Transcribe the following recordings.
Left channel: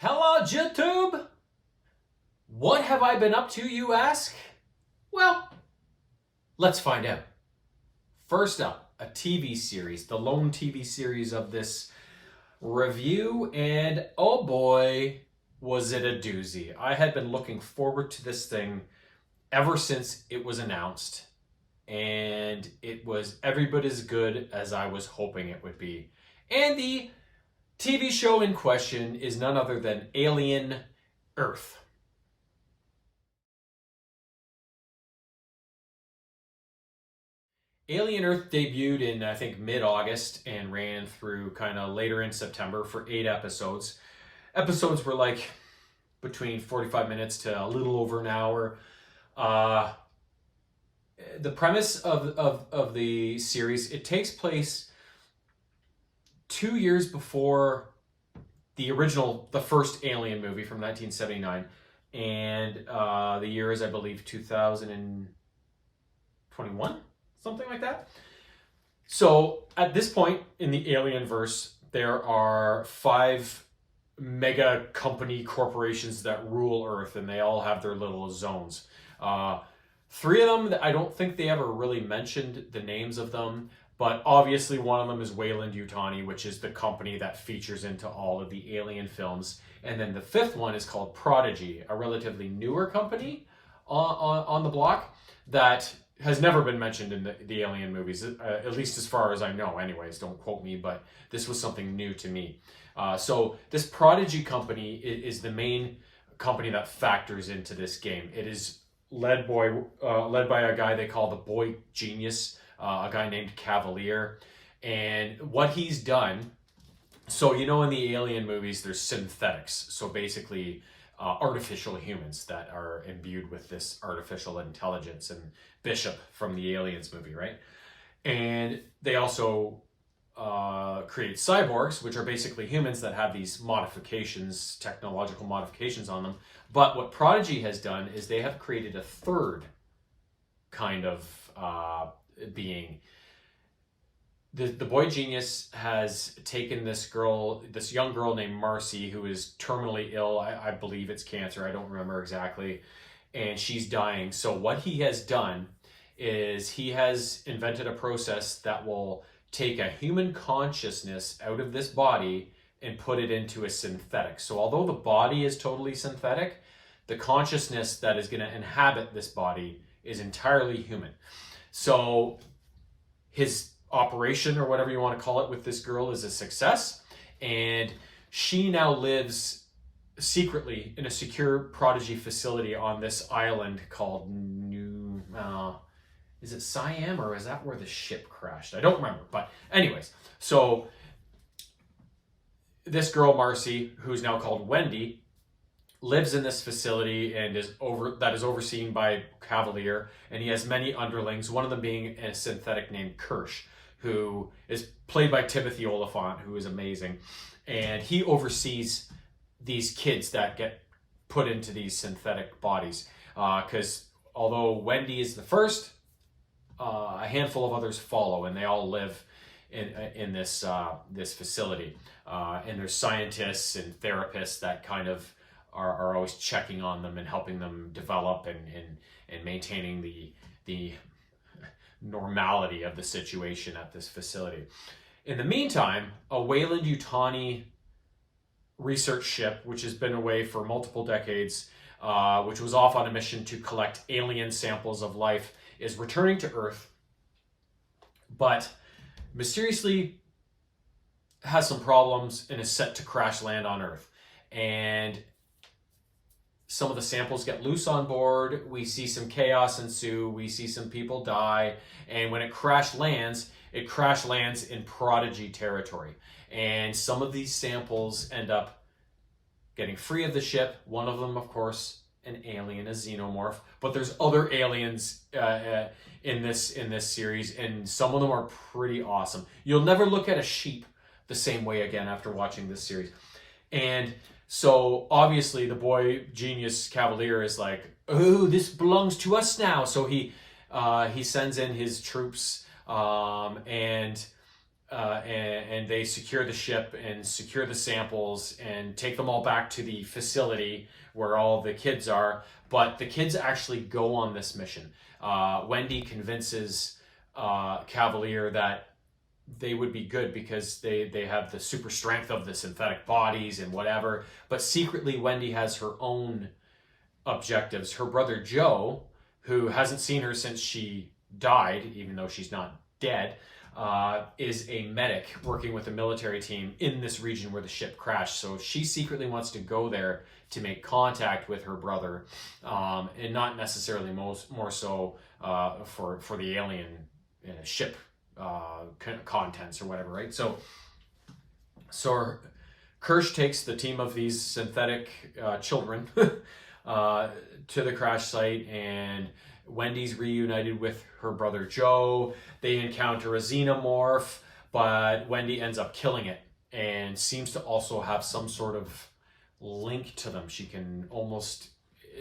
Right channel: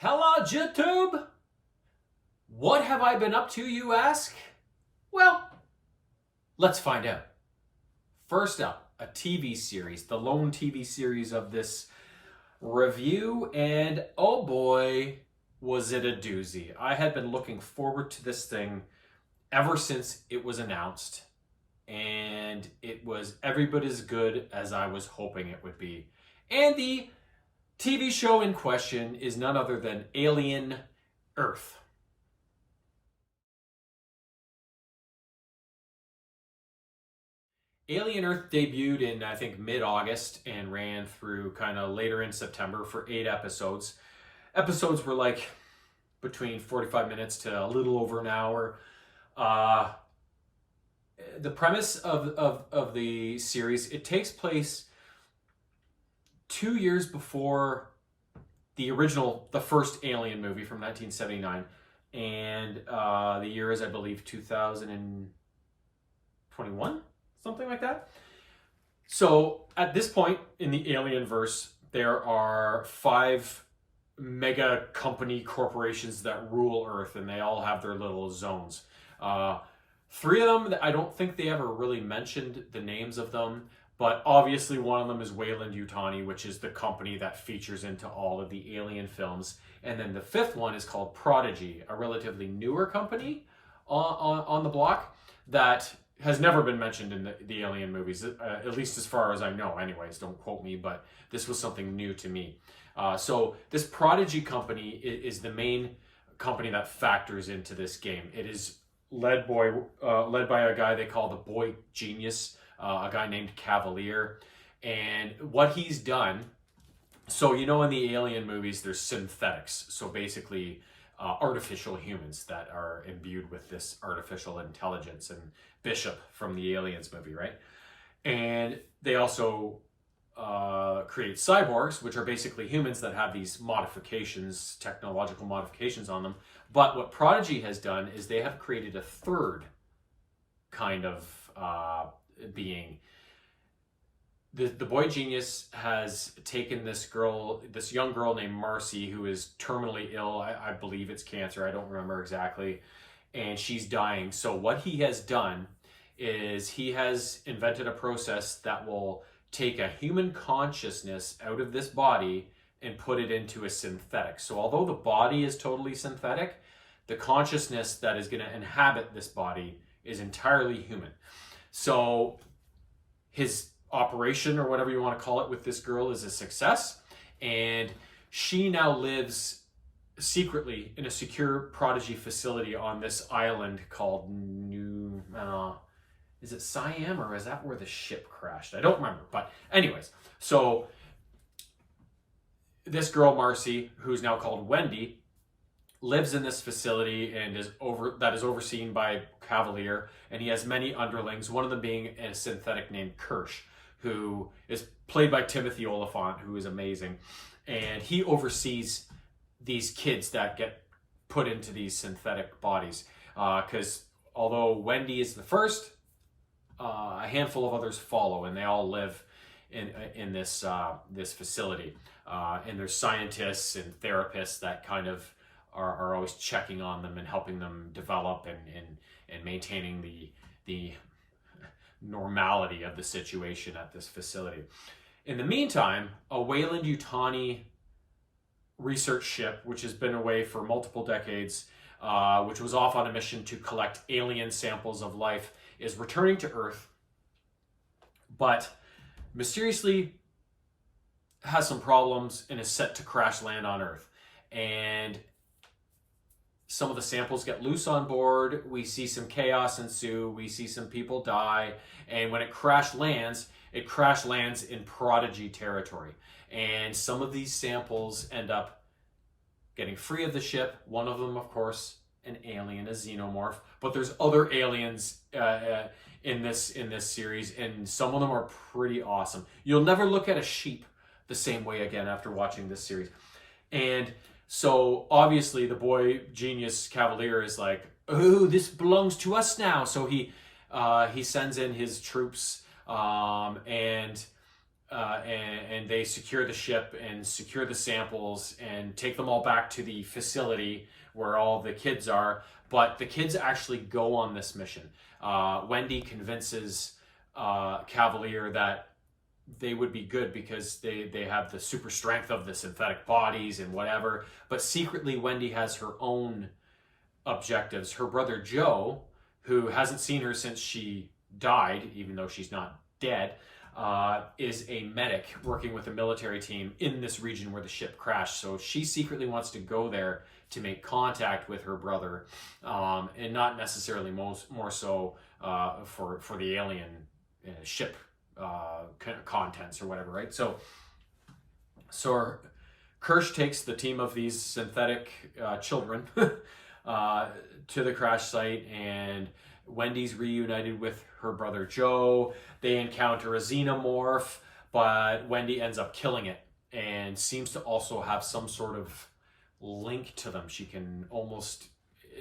Hello, YouTube! What have I been up to, you ask? Well, let's find out. First up, a TV series, the lone TV series of this review, and oh boy, was it a doozy. I had been looking forward to this thing ever since it was announced, and it was every bit as good as I was hoping it would be. And the TV show in question is none other than Alien Earth. Alien Earth debuted in, I think, mid-August and ran through kind of later in September for 8 episodes. Episodes were like between 45 minutes to a little over an hour. The premise of the series, it takes place 2 years before the first Alien movie from 1979. And the year is, I believe, 2021? Something like that. So at this point in the Alienverse, there are 5 mega company corporations that rule Earth, and they all have their little zones. 3 of them, I don't think they ever really mentioned the names of them, but obviously one of them is Weyland-Yutani, which is the company that features into all of the Alien films. And then the 5th one is called Prodigy, a relatively newer company on the block that has never been mentioned in the Alien movies, at least as far as I know anyways. Don't quote me, but this was something new to me. So this Prodigy company is the main company that factors into this game. It is led by a guy they call the Boy Genius, a guy named Cavalier. And what he's done, so you know in the Alien movies there's synthetics, so basically artificial humans that are imbued with this artificial intelligence, and Bishop from the Aliens movie, right? And they also create cyborgs, which are basically humans that have these modifications, technological modifications on them. But what Prodigy has done is they have created a third kind of being. The Boy Genius has taken this young girl named Marcy, who is terminally ill. I believe it's cancer. I don't remember exactly. And she's dying. So what he has done is he has invented a process that will take a human consciousness out of this body and put it into a synthetic. So although the body is totally synthetic, the consciousness that is going to inhabit this body is entirely human. So his operation, or whatever you want to call it, with this girl is a success, and she now lives secretly in a secure Prodigy facility on this island called is it Siam, or is that where the ship crashed? I don't remember, but anyways, so this girl Marcy, who's now called Wendy, lives in this facility and is overseen by Cavalier, and he has many underlings, one of them being a synthetic named Kirsch, who is played by Timothy Oliphant, who is amazing. And he oversees these kids that get put into these synthetic bodies. Because although Wendy is the first, a handful of others follow, and they all live in this facility. And there's scientists and therapists that kind of are always checking on them and helping them develop and maintaining the normality of the situation at this facility. In the meantime, a Weyland-Yutani research ship, which has been away for multiple decades, which was off on a mission to collect alien samples of life, is returning to Earth, but mysteriously has some problems and is set to crash land on Earth. And some of the samples get loose on board. We see some chaos ensue. We see some people die. And when it crash lands in Prodigy territory. And some of these samples end up getting free of the ship. One of them, of course, an alien, a xenomorph. But there's other aliens in this series, and some of them are pretty awesome. You'll never look at a sheep the same way again after watching this series. And so obviously the Boy Genius Cavalier is like, oh, this belongs to us now. So he sends in his troops, and and they secure the ship and secure the samples and take them all back to the facility where all the kids are. But the kids actually go on this mission. Wendy convinces Cavalier that they would be good because they have the super strength of the synthetic bodies and whatever. But secretly, Wendy has her own objectives. Her brother Joe, who hasn't seen her since she died, even though she's not dead, is a medic working with a military team in this region where the ship crashed. So she secretly wants to go there to make contact with her brother, and not necessarily more so for the alien ship contents or whatever, right? So Kirsch takes the team of these synthetic children to the crash site, and Wendy's reunited with her brother Joe. They encounter a xenomorph, but Wendy ends up killing it and seems to also have some sort of link to them. She can almost,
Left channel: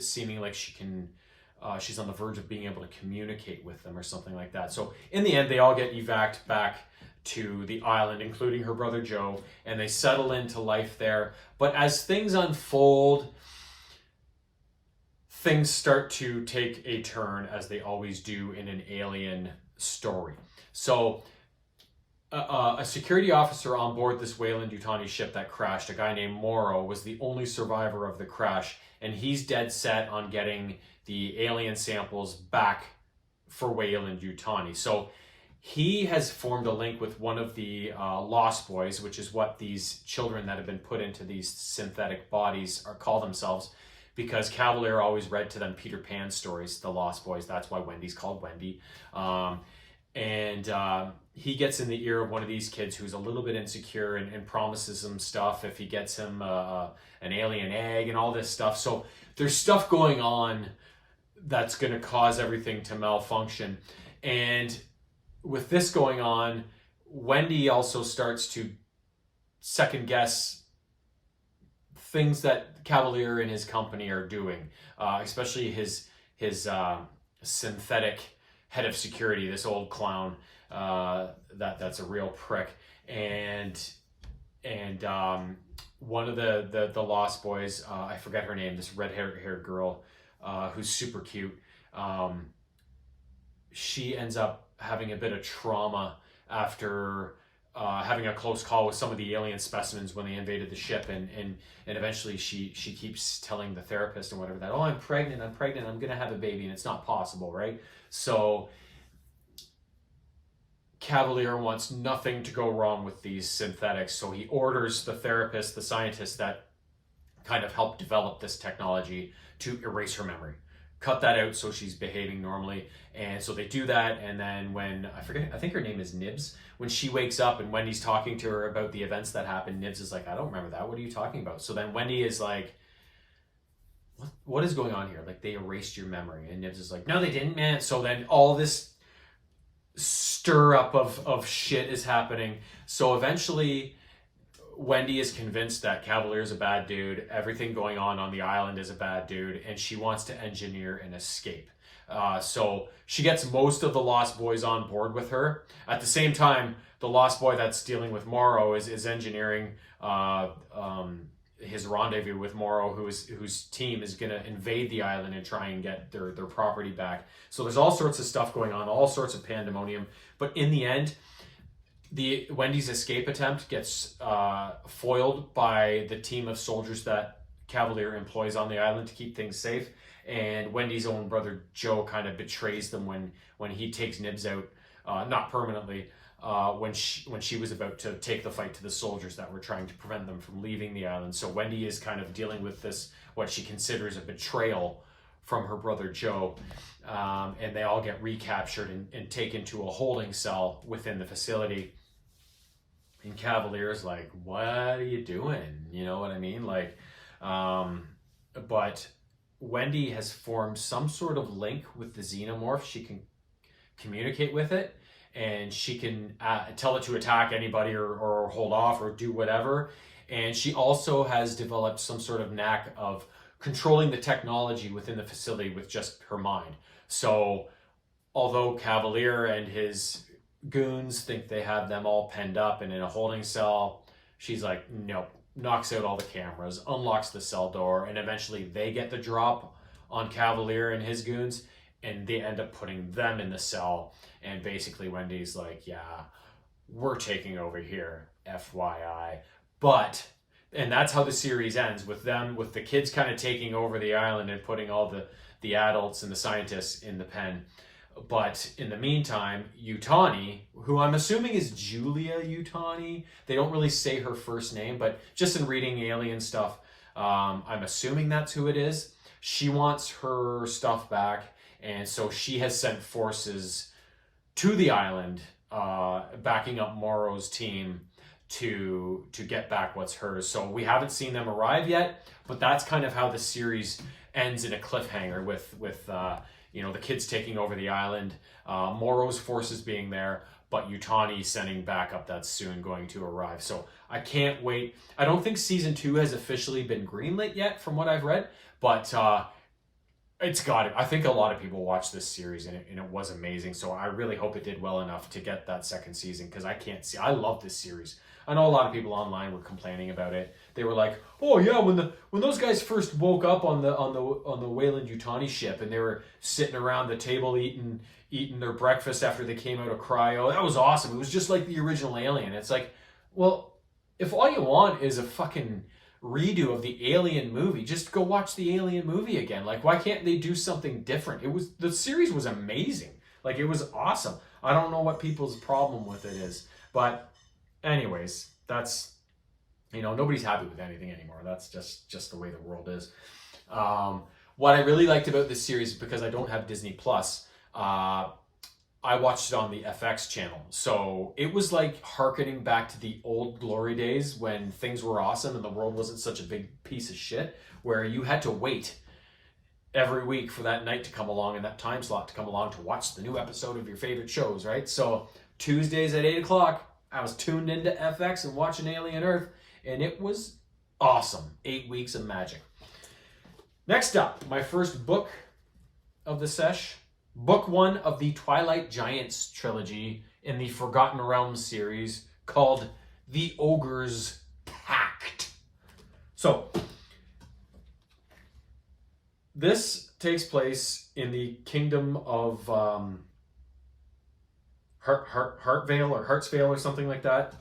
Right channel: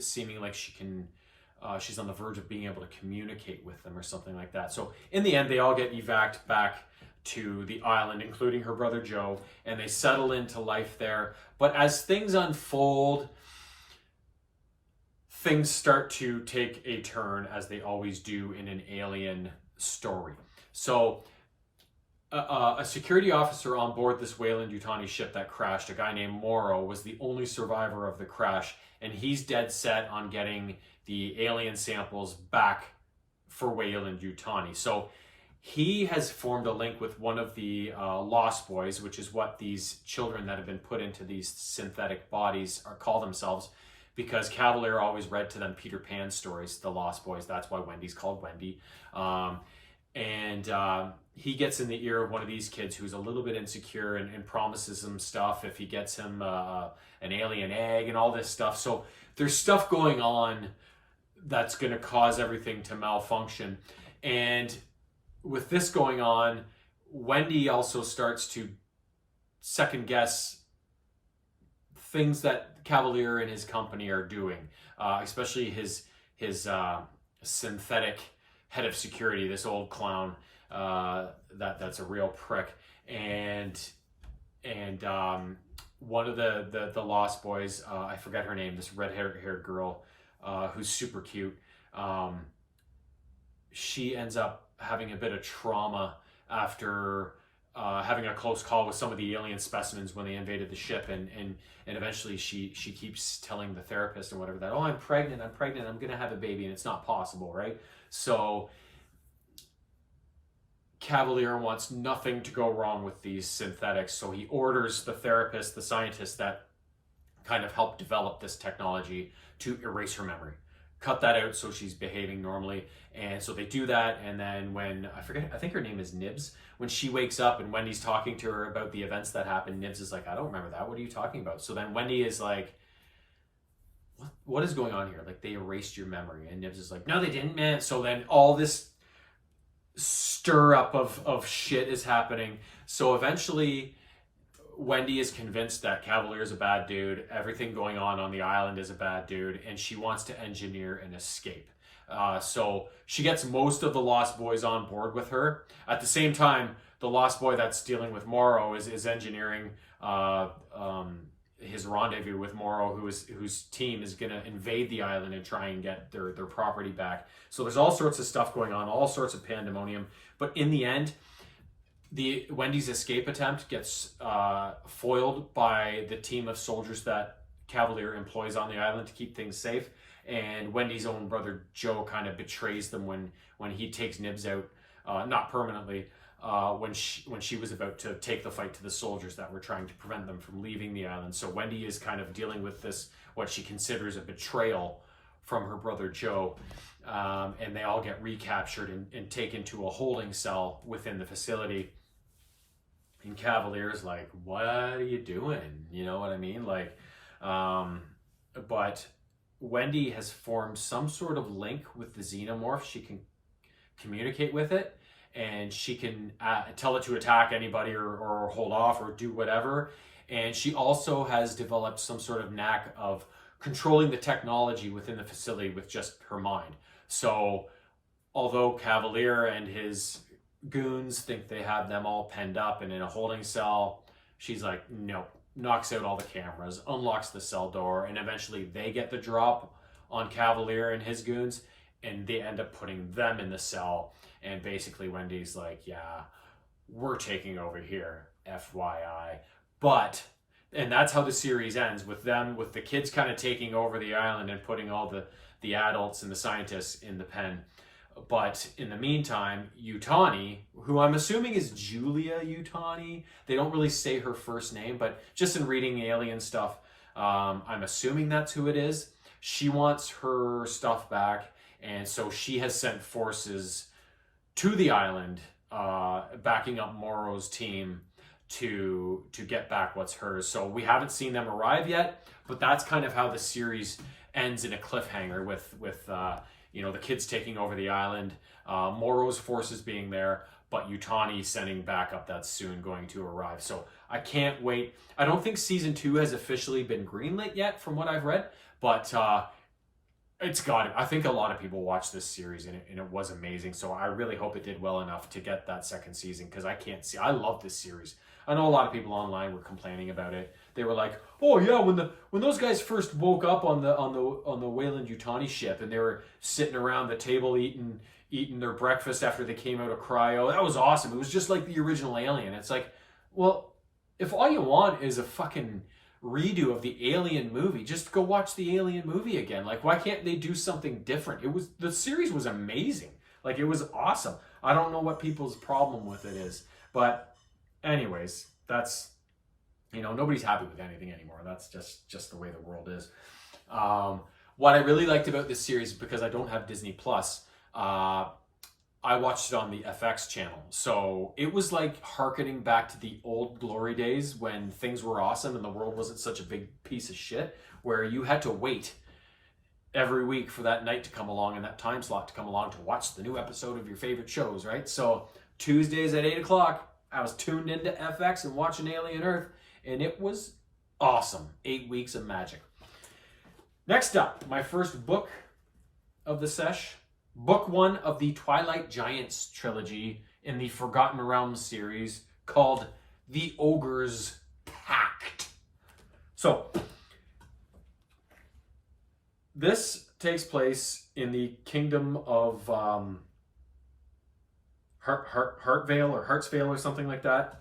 seeming like she can, she's on the verge of being able to communicate with them or something like that. So in the end, they all get evac'd back to the island, including her brother Joe, and they settle into life there. But as things unfold, things start to take a turn, as they always do in an alien story. So a security officer on board this Weyland-Yutani ship that crashed, a guy named Morrow, was the only survivor of the crash, and he's dead set on getting the alien samples back for Weyland-Yutani. So he has formed a link with one of the Lost Boys, which is what these children that have been put into these synthetic bodies call themselves, because Cavalier always read to them Peter Pan stories, the Lost Boys. That's why Wendy's called Wendy. He gets in the ear of one of these kids who's a little bit insecure and promises him stuff if he gets him an alien egg and all this stuff. So there's stuff going on that's going to cause everything to malfunction. And with this going on, Wendy also starts to second guess things that Cavalier and his company are doing, especially his synthetic head of security, this old clown that's a real prick, and one of the Lost Boys, I forget her name, this red-haired girl who's super cute. She ends up having a bit of trauma after having a close call with some of the alien specimens when they invaded the ship, and eventually she keeps telling the therapist and whatever that, oh, I'm pregnant, I'm gonna have a baby, and it's not possible, right? So Cavalier wants nothing to go wrong with these synthetics, so he orders the therapist, the scientist that kind of helped develop this technology, to erase her memory. Cut that out so she's behaving normally. And so they do that, and then when, I think her name is Nibs, when she wakes up and Wendy's talking to her about the events that happened, Nibs is like, I don't remember that, what are you talking about? So then Wendy is like, what is going on here? Like, they erased your memory. And Nibs is like, no, they didn't, man. So then all this stir up of shit is happening. So eventually Wendy is convinced that Cavalier is a bad dude, everything going on the island is a bad dude, and she wants to engineer an escape. So she gets most of the Lost Boys on board with her. At the same time, the Lost Boy that's dealing with Morrow is engineering his rendezvous with Morrow, whose team is going to invade the island and try and get their property back. So there's all sorts of stuff going on, all sorts of pandemonium. But in the end, Wendy's escape attempt gets foiled by the team of soldiers that Cavalier employs on the island to keep things safe. And Wendy's own brother Joe kind of betrays them when he takes Nibs out, not permanently, when she was about to take the fight to the soldiers that were trying to prevent them from leaving the island. So Wendy is kind of dealing with this, what she considers a betrayal from her brother Joe, and they all get recaptured and taken to a holding cell within the facility. And Cavalier's like, what are you doing? You know what I mean? Like, but Wendy has formed some sort of link with the xenomorph. She can communicate with it, and she can tell it to attack anybody or hold off or do whatever. And she also has developed some sort of knack of controlling the technology within the facility with just her mind. So although Cavalier and his goons think they have them all penned up and in a holding cell. She's like, nope, knocks out all the cameras, unlocks the cell door, and eventually they get the drop on Cavalier and his goons, and they end up putting them in the cell. And basically Wendy's like, yeah, we're taking over here, FYI. But, and that's how the series ends, with them, with the kids kind of taking over the island and putting all the adults and the scientists in the pen. But in the meantime, Yutani, who I'm assuming is Julia Yutani, they don't really say her first name, but just in reading alien stuff, I'm assuming that's who it is. She wants her stuff back, and so she has sent forces to the island, backing up Morrow's team to get back what's hers. So we haven't seen them arrive yet, but that's kind of how the series ends, in a cliffhanger with the kids taking over the island, Morrow's forces being there, but Yutani sending backup that's soon going to arrive. So I can't wait. I don't think season 2 has officially been greenlit yet, from what I've read, but it's got it. I think a lot of people watched this series and it was amazing. So I really hope it did well enough to get that second season, because I love this series. I know a lot of people online were complaining about it. They were like, "Oh yeah, when those guys first woke up on the Weyland Yutani ship and they were sitting around the table eating their breakfast after they came out of cryo, that was awesome. It was just like the original Alien." It's like, well, if all you want is a fucking redo of the Alien movie, just go watch the Alien movie again. Like, why can't they do something different? The series was amazing. Like, it was awesome. I don't know what people's problem with it is, but anyways, that's, nobody's happy with anything anymore. That's just the way the world is. What I really liked about this series, because I don't have Disney Plus, I watched it on the FX channel. So it was like hearkening back to the old glory days when things were awesome and the world wasn't such a big piece of shit, where you had to wait every week for that night to come along and that time slot to come along to watch the new episode of your favorite shows, right? So Tuesdays at 8 o'clock, I was tuned into FX and watching Alien Earth, and it was awesome. 8 weeks of magic. Next up, my first book of the sesh, book 1 of the Twilight Giants trilogy in the Forgotten Realms series, called The Ogre's Pact. So, this takes place in the kingdom of Hartvale or Hartsvale or something like that,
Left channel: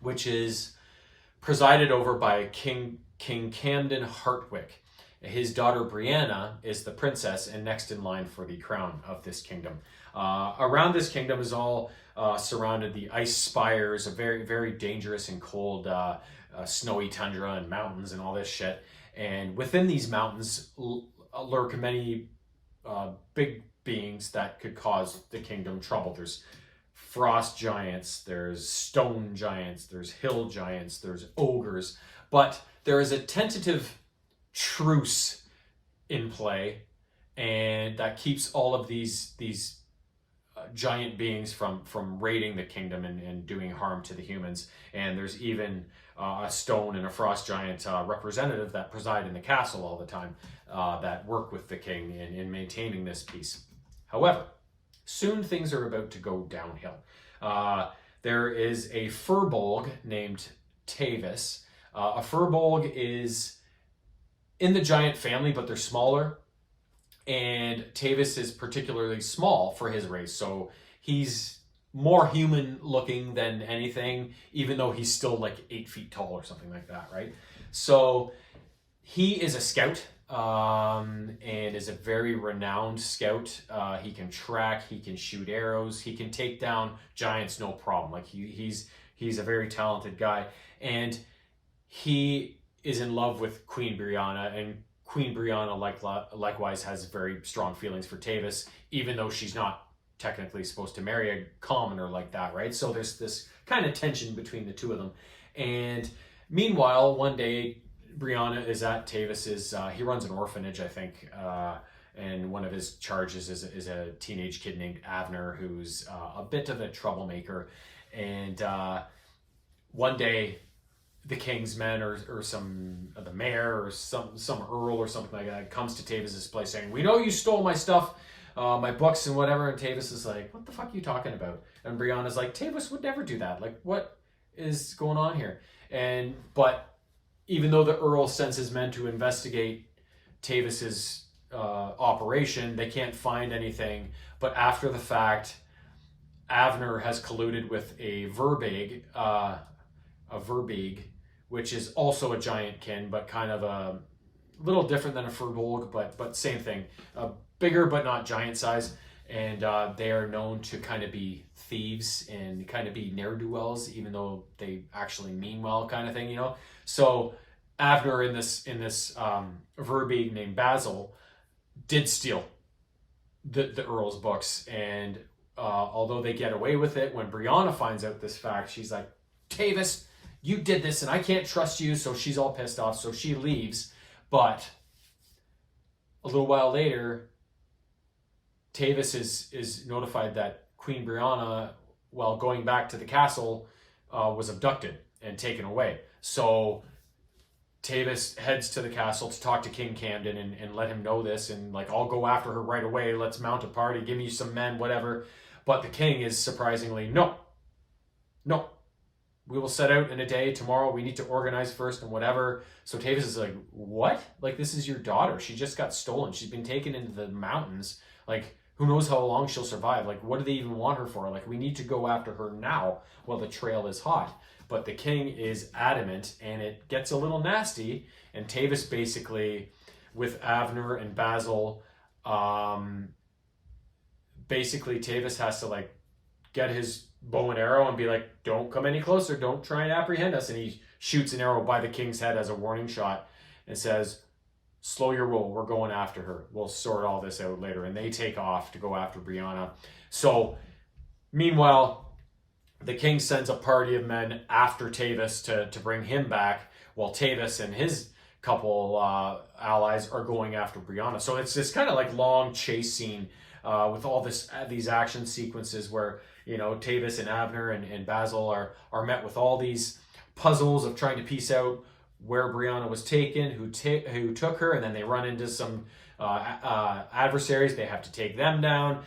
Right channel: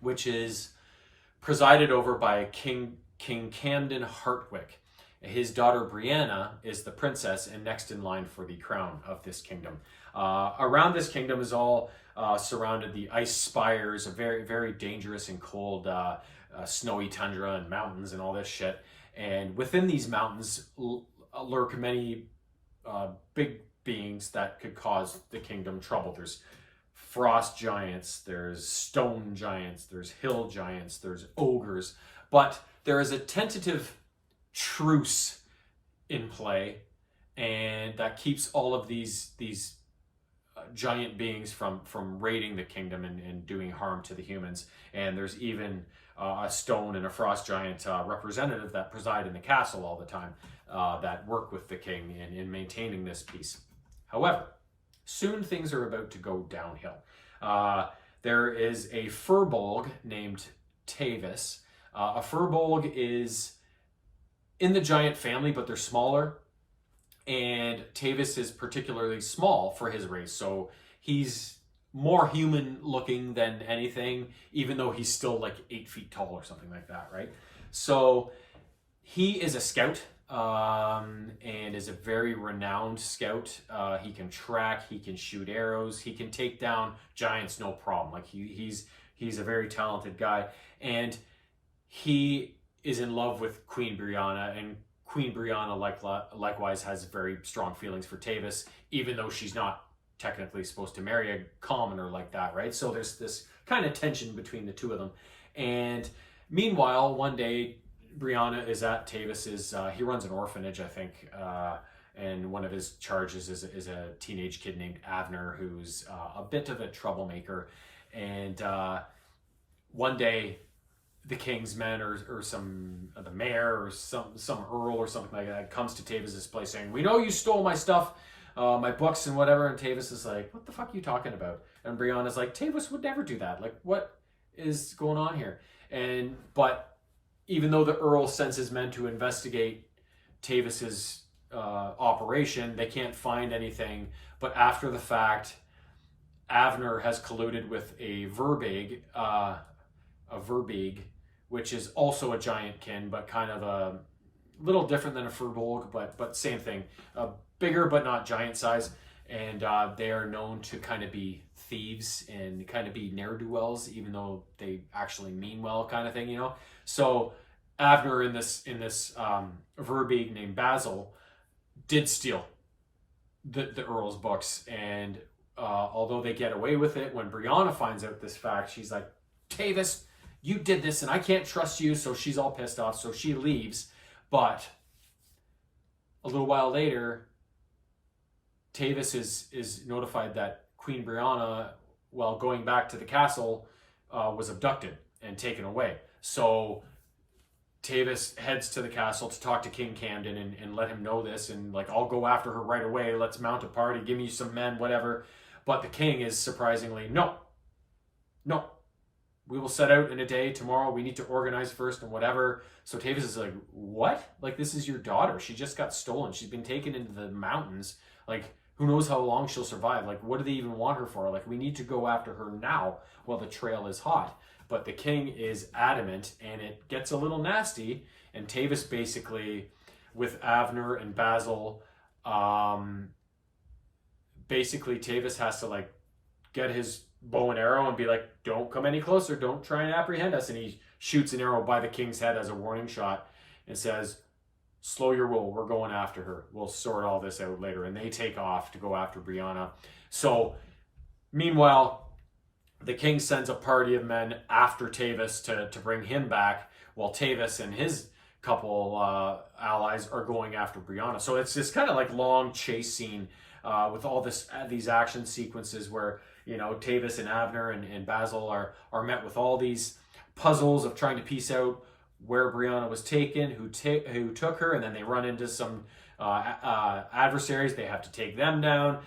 which is presided over by King Camden Hartwick. His daughter Brianna is the princess and next in line for the crown of this kingdom. Around this kingdom is all surrounded the ice spires, a very, very dangerous and cold snowy tundra and mountains and all this shit. And within these mountains lurk many big beings that could cause the kingdom trouble. There's frost giants, there's stone giants, there's hill giants, there's ogres. But there is a tentative truce in play, and that keeps all of these giant beings from raiding the kingdom and doing harm to the humans. And there's even a stone and a frost giant representative that preside in the castle all the time, that work with the king in maintaining this peace. However, soon things are about to go downhill. There is a furbolg named Tavis. A furbolg is in the giant family, but they're smaller. And Tavis is particularly small for his race. So he's more human looking than anything, even though he's still like 8 feet tall or something like that, right? So he is a scout, and is a very renowned scout. He can track, he can shoot arrows, he can take down giants no problem. Like he's a very talented guy. And he is in love with Queen Brianna, and Queen Brianna likewise has very strong feelings for Tavis, even though she's not technically supposed to marry a commoner like that, right? So there's this kind of tension between the two of them. And meanwhile, one day, Brianna is at Tavis's, he runs an orphanage, I think, and one of his charges is a teenage kid named Avner, who's a bit of a troublemaker. And one day, the king's men or the mayor or some earl or something like that comes to Tavis's place saying, "We know you stole my stuff. my books and whatever. And Tavis is like, what the fuck are you talking about? And Brianna's like, Tavis would never do that. Like, what is going on here? But even though the Earl sends his men to investigate Tavis's operation, they can't find anything. But after the fact, Avner has colluded with a Verbeeg, which is also a giant kin, but kind of a little different than a Furbolg, but same thing. Bigger, but not giant size. And they are known to kind of be thieves and kind of be ne'er-do-wells, even though they actually mean well, kind of thing, you know? So Avner in this Verbeeg named Basil did steal the Earl's books, and although they get away with it, when Brianna finds out this fact, she's like, Tavis, you did this and I can't trust you. So she's all pissed off, so she leaves. But a little while later, Tavis is notified that Queen Brianna, while going back to the castle, was abducted and taken away. So Tavis heads to the castle to talk to King Camden and let him know this, and like, I'll go after her right away. Let's mount a party. Give me some men, whatever. But the king is surprisingly, no. We will set out in a day tomorrow. We need to organize first and whatever. So Tavis is like, what? Like, this is your daughter. She just got stolen. She's been taken into the mountains. Like, who knows how long she'll survive? Like, what do they even want her for? Like, we need to go after her now while the trail is hot. But the king is adamant, and it gets a little nasty. And Tavis basically, with Avner and Basil, basically Tavis has to like get his bow and arrow and be like, don't come any closer, don't try and apprehend us. And he shoots an arrow by the king's head as a warning shot and says, slow your roll, we're going after her, we'll sort all this out later. And they take off to go after Brianna. So meanwhile, the king sends a party of men after Tavis to bring him back, while Tavis and his couple allies are going after Brianna. So it's this kind of like long chase scene with all these action sequences where, you know, Tavis and Avner and Basil are met with all these puzzles of trying to piece out where Brianna was taken, who took her, and then they run into some adversaries. They have to take them down.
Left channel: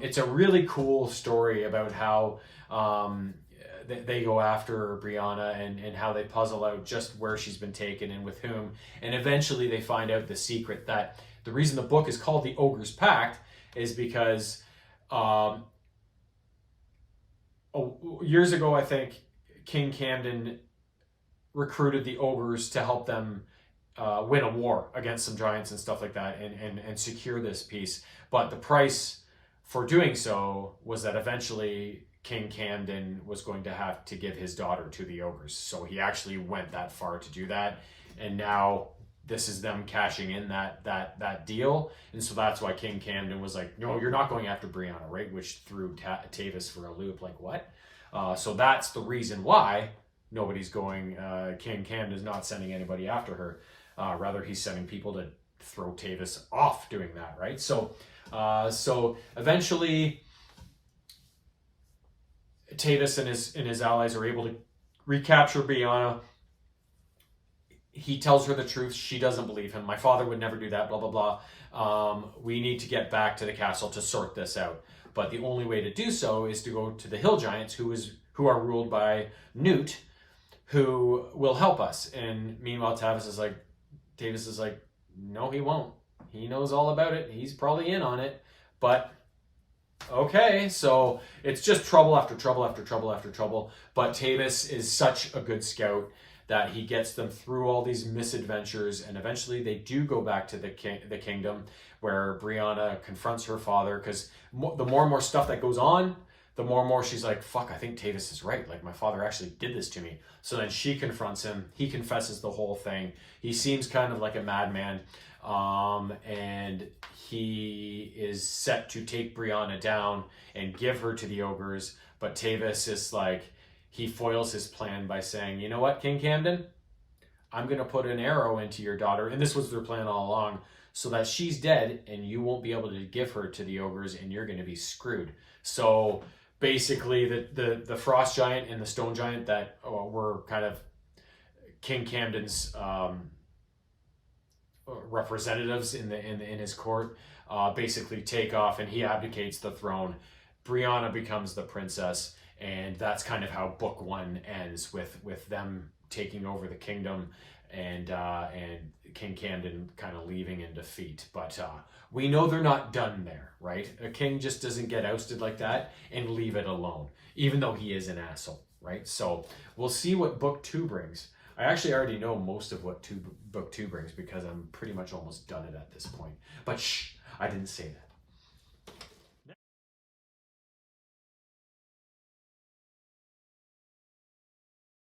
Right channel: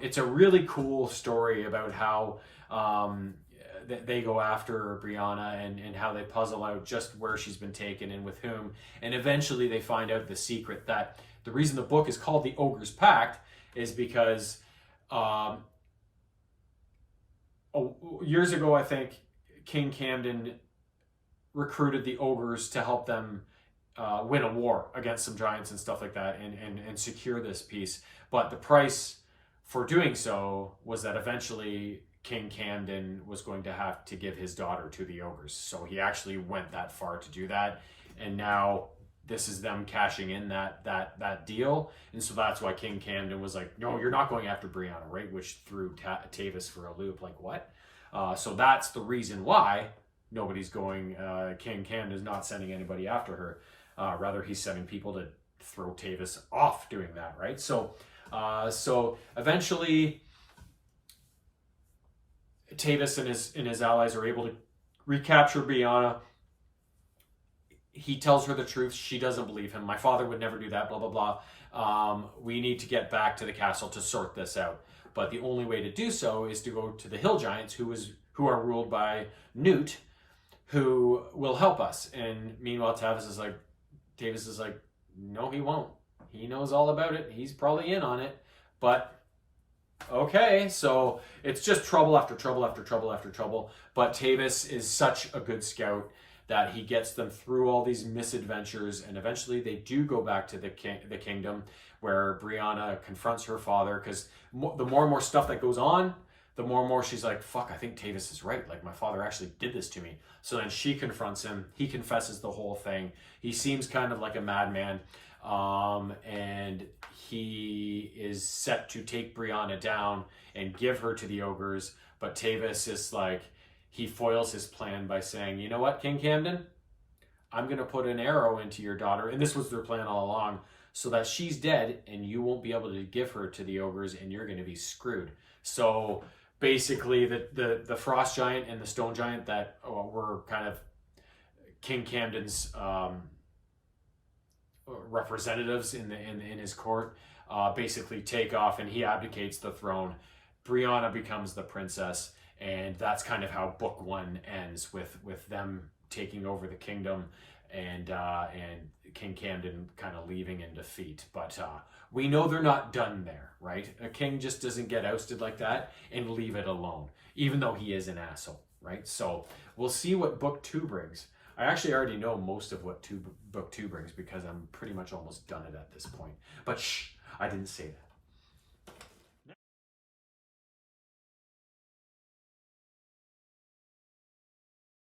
It's a really cool story about how they go after Brianna and how they puzzle out just where she's been taken and with whom. And eventually they find out the secret that the reason the book is called the Ogre's Pact is because years ago, I think King Camden recruited the ogres to help them win a war against some giants and stuff like that and secure this peace. But the price for doing so was that eventually King Camden was going to have to give his daughter to the ogres. So he actually went that far to do that. And now this is them cashing in that deal. And so that's why King Camden was like, no, you're not going after Brianna, right? Which threw Tavis for a loop. Like, what? So that's the reason why nobody's going, King Camden's not sending anybody after her. Rather, he's sending people to throw Tavis off doing that, right? So eventually Tavis and his allies are able to recapture Brianna. He tells her the truth. She doesn't believe him. My father would never do that, blah, blah, blah. We need to get back to the castle to sort this out. But the only way to do so is to go to the Hill Giants, who are ruled by Newt, who will help us. And meanwhile, Tavis is like, no, he won't. He knows all about it. He's probably in on it. But okay, so it's just trouble after trouble after trouble after trouble. But Tavis is such a good scout that he gets them through all these misadventures, and eventually they do go back to the kingdom where Brianna confronts her father, because the more and more stuff that goes on, the more and more she's like, fuck, I think Tavis is right. Like, my father actually did this to me. So then she confronts him. He confesses the whole thing. He seems kind of like a madman. And he is set to take Brianna down and give her to the ogres. But Tavis is like, he foils his plan by saying, you know what, King Camden? I'm going to put an arrow into your daughter. And this was their plan all along, so that she's dead and you won't be able to give her to the ogres and you're going to be screwed. So basically the frost giant and the stone giant that were kind of King Camden's representatives in his court, basically take off, and he abdicates the throne. Brianna becomes the princess, and that's kind of how book 1 ends, with them taking over the kingdom, and King Camden kind of leaving in defeat. But we know they're not done there, right? A king just doesn't get ousted like that and leave it alone, even though he is an asshole, right? So we'll see what book 2 brings. I actually already know most of what book 2 brings, because I'm pretty much almost done it at this point. But shh, I didn't say that.